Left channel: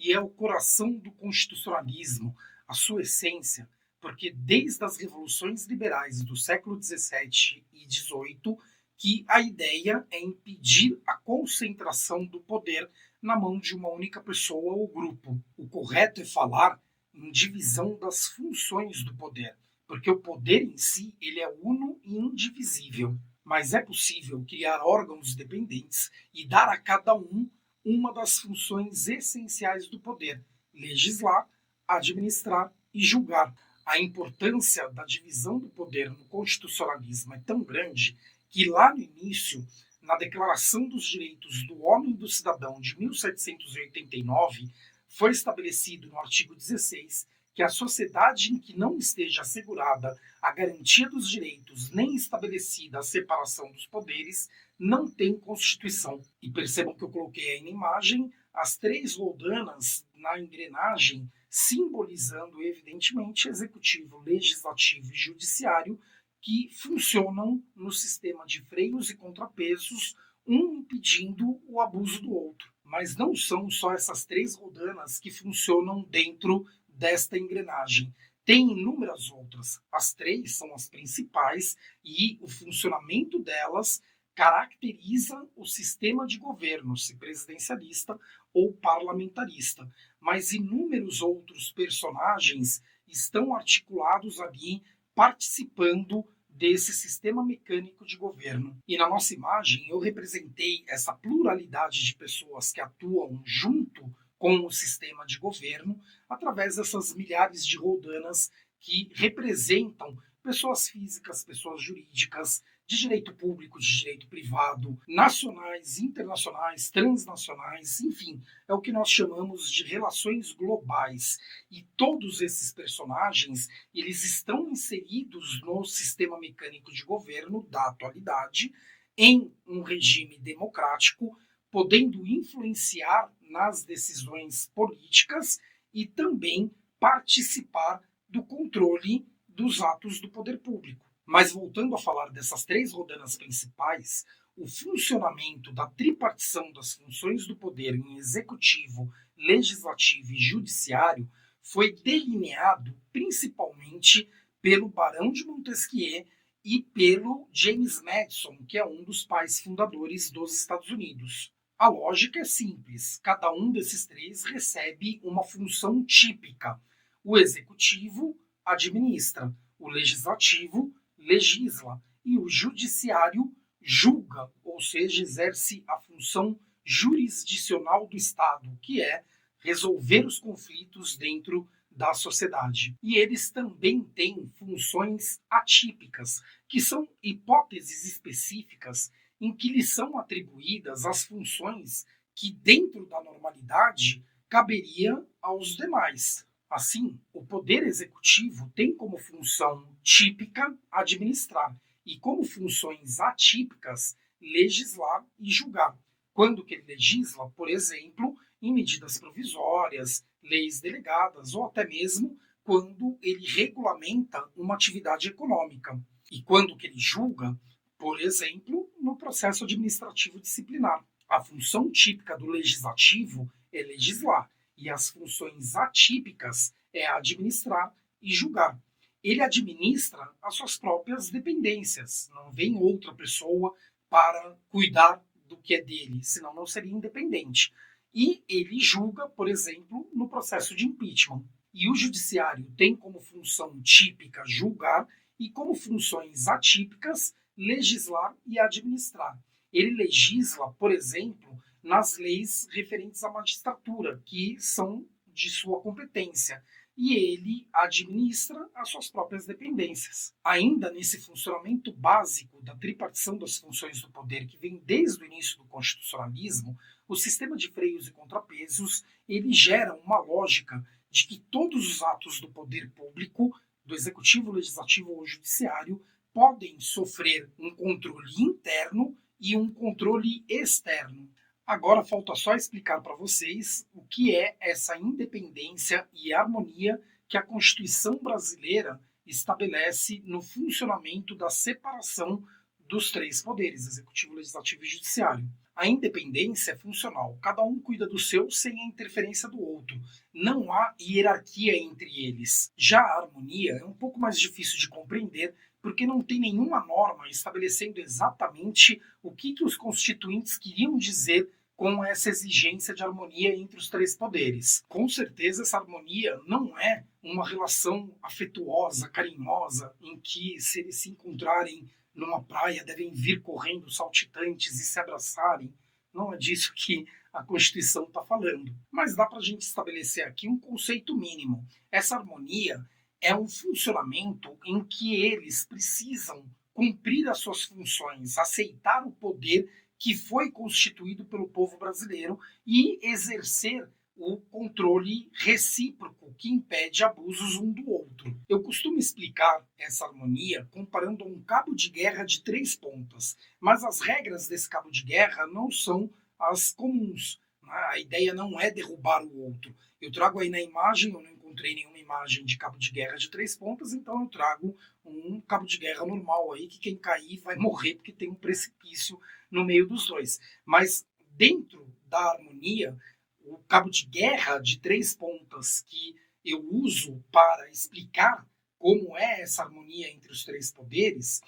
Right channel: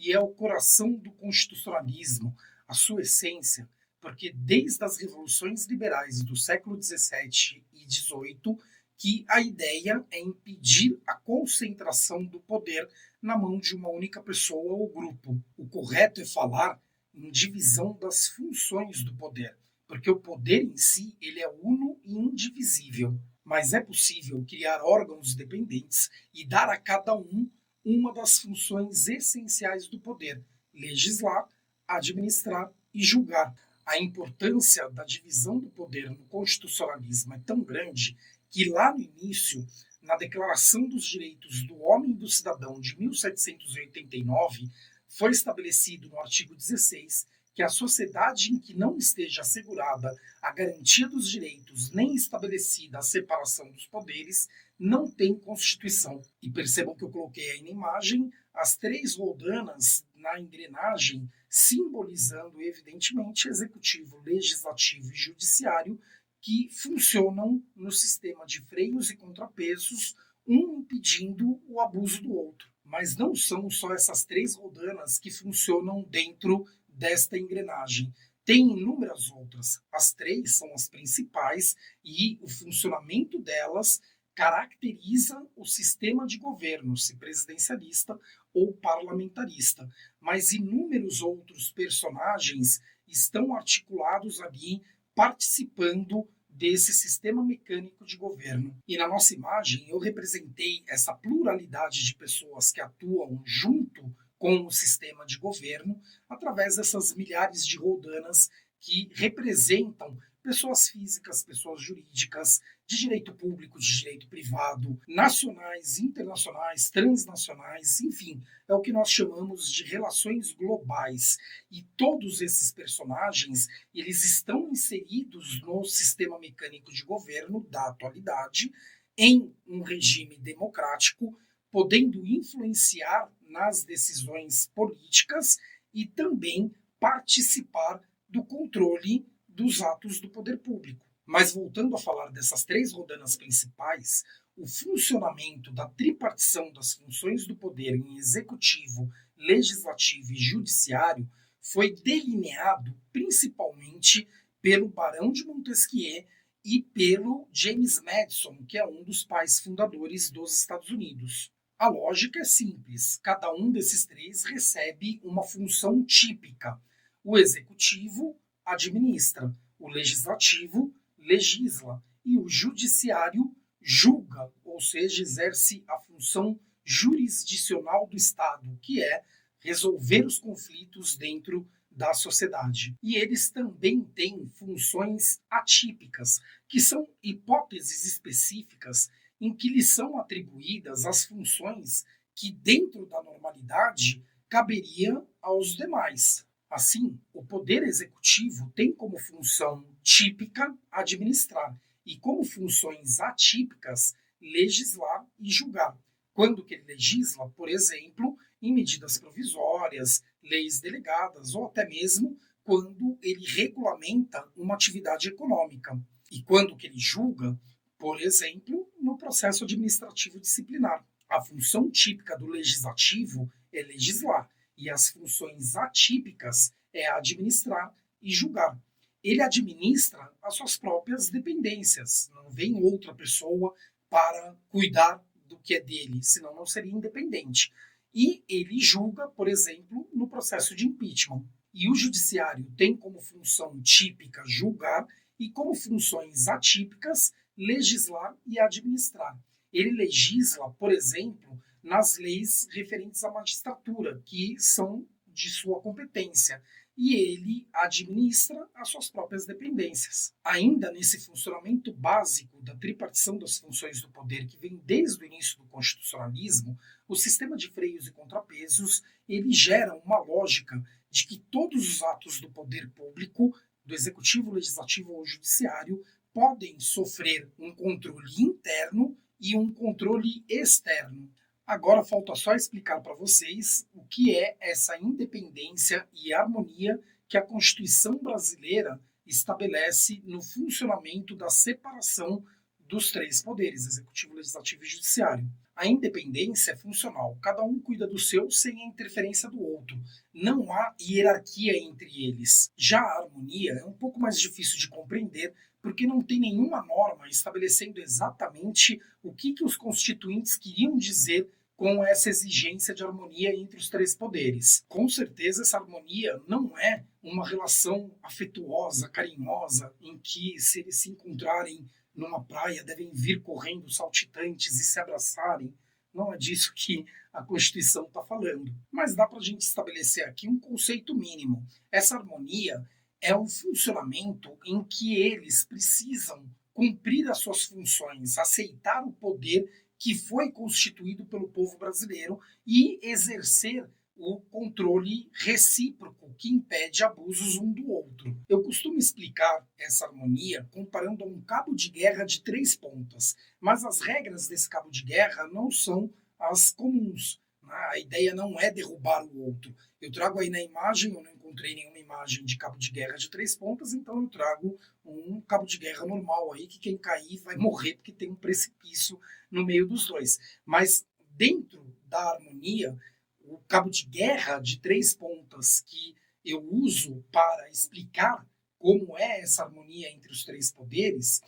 e é o coração do constitucionalismo, a sua essência, porque desde as revoluções liberais do século XVII e XVIII que a ideia é impedir a concentração do poder na mão de uma única pessoa ou grupo. O correto é falar em divisão das funções do poder, porque o poder em si ele é uno e indivisível. Mas é possível criar órgãos dependentes e dar a cada um uma das funções essenciais do poder: legislar, administrar e julgar. A importância da divisão do poder no constitucionalismo é tão grande que lá no início, na Declaração dos Direitos do Homem e do Cidadão de 1789, foi estabelecido no artigo 16 que a sociedade em que não esteja assegurada a garantia dos direitos nem estabelecida a separação dos poderes não tem Constituição. E percebam que eu coloquei aí na imagem as 3 roldanas na engrenagem, simbolizando evidentemente executivo, legislativo e judiciário, que funcionam no sistema de freios e contrapesos, um impedindo o abuso do outro. Mas não são só essas 3 rodanas que funcionam dentro desta engrenagem. Tem inúmeras outras. As 3 são as principais e o funcionamento delas caracteriza o sistema de governo, se presidencialista ou parlamentarista. Mas inúmeros outros personagens estão articulados ali, participando desse sistema mecânico de governo. E na nossa imagem eu representei essa pluralidade de pessoas que atuam junto com o sistema de governo através dessas milhares de roldanas que representam pessoas físicas, pessoas jurídicas, de direito público, de direito privado, nacionais, internacionais, transnacionais, enfim, é o que nós chamamos de relações globais. E todos esses personagens, eles estão inseridos no sistema mecânico de governo da atualidade, em um regime democrático, podendo influenciar nas decisões políticas e também participar do controle dos atos do poder público. Mas voltando a falar dessas 3 rodanas principais, o funcionamento da tripartição das funções do poder em executivo, legislativo e judiciário foi delineado principalmente pelo Barão de Montesquieu e pelo James Madison, que é um dos pais fundadores dos Estados Unidos. A lógica é simples, cada um desses 3 recebe uma função típica. O executivo administra, o legislativo legisla e o judiciário julga, ou seja, exerce a função jurisdicional do Estado, que é resolver os conflitos dentro da sociedade. E eles também têm funções atípicas, que são hipóteses específicas em que lhes são atribuídas as funções que, dentro da normalidade, caberia aos demais. Assim, o poder executivo tem como função típica administrar e como funções atípicas legislar e julgar. Quando que ele legisla, por exemplo, em medidas provisórias, leis delegadas ou até mesmo quando ele regulamenta uma atividade econômica. E quando que ele julga, por exemplo, no processo administrativo disciplinar. A função típica do legislativo é legislar e as funções atípicas é administrar e julgar. Ele administra as suas próprias dependências, não vem outra pessoa para cuidar do que é dele, senão não seria independente. E ele julga, por exemplo, no processo de impeachment. E o judiciário tem como função típica julgar e como funções atípicas legislar e administrar. Ele legisla, por exemplo, nas leis referentes à magistratura, que são de sua competência, e ele administra as suas próprias dependências. Ainda nesse funcionamento básico da tripartição das funções do poder, que vem desde o início do constitucionalismo, o sistema de freios e contrapesos, ele gera uma lógica de que todos os atos do poder público, do executivo, legislativo ou judiciário, podem sofrer um controle interno e um controle externo. Agora falta só explicar para vocês o que é essa independência e harmonia que a Constituição brasileira estabelece no funcionamento da separação dos 3 poderes, executivo, legislativo e judiciário. A independência é funcional, cada um cuida do seu sem a interferência do outro. Não há hierarquia entre eles. Já a harmonia é um pouco mais difícil de compreender, porque não tem nenhuma norma estabelecendo exatamente o que os constituintes queriam dizer com essa exigência de harmonia entre os três poderes. Com certeza, essa harmonia não é uma relação afetuosa, carinhosa, em que, se eles se encontrarem numa praia, devem vir correndo saltitantes e se abraçarem. Não é disso que a Constituição está falando. Mas dá para a gente estabelecer aqui um conceito mínimo. Essa harmonia é um funcionamento em que eles precisam cumprir as suas funções, aceitar o poder que foi constituído pelo povo brasileiro e exercer o controle recíproco que impede abusos um do outro. Eu costumo explicar essa harmonia comparando a um cabo de guerra de 3 pontas, mas as regras desse cabo de guerra não são as comuns. A ideia não é derrubar o outro. Eu trago aí na imagem, eu não encontrei nenhuma imagem de cabo de guerra de 3 pontas, então eu trago um cabo de guerra normal aí, que quem cair vai morrer porque tem um precipício no meio dos dois. Mas dentro da harmonia, o cabo de guerra de 3 pontas que eu uso para explicar como é essa harmonia entre os três poderes,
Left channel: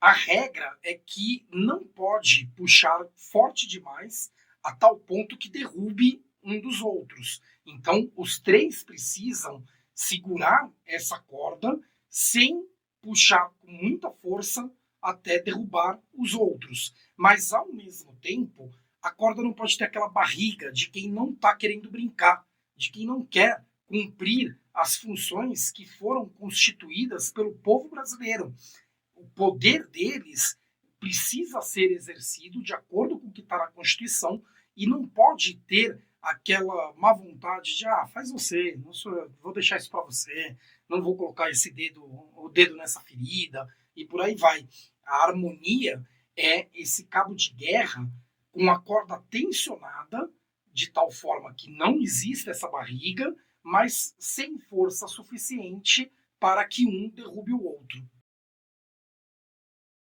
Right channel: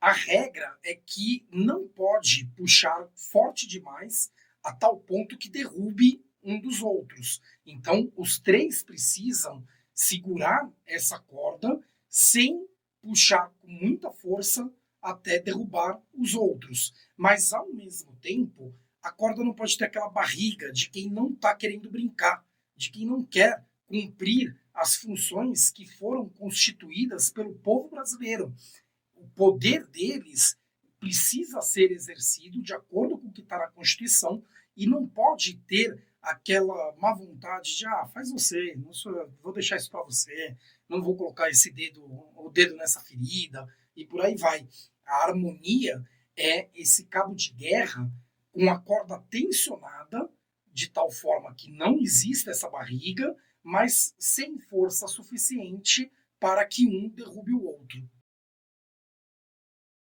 a regra é que não pode puxar forte demais a tal ponto que derrube um dos outros. Então, os três precisam segurar essa corda sem puxar com muita força até derrubar os outros. Mas, ao mesmo tempo, a corda não pode ter aquela barriga de quem não está querendo brincar, de quem não quer cumprir as funções que foram constituídas pelo povo brasileiro. O poder deles precisa ser exercido de acordo com o que está na Constituição e não pode ter aquela má vontade de faz você, não sou, vou deixar isso para você, não vou colocar o dedo nessa ferida e por aí vai. A harmonia é esse cabo de guerra com a corda tensionada de tal forma que não existe essa barriga, mas sem força suficiente para que um derrube o outro.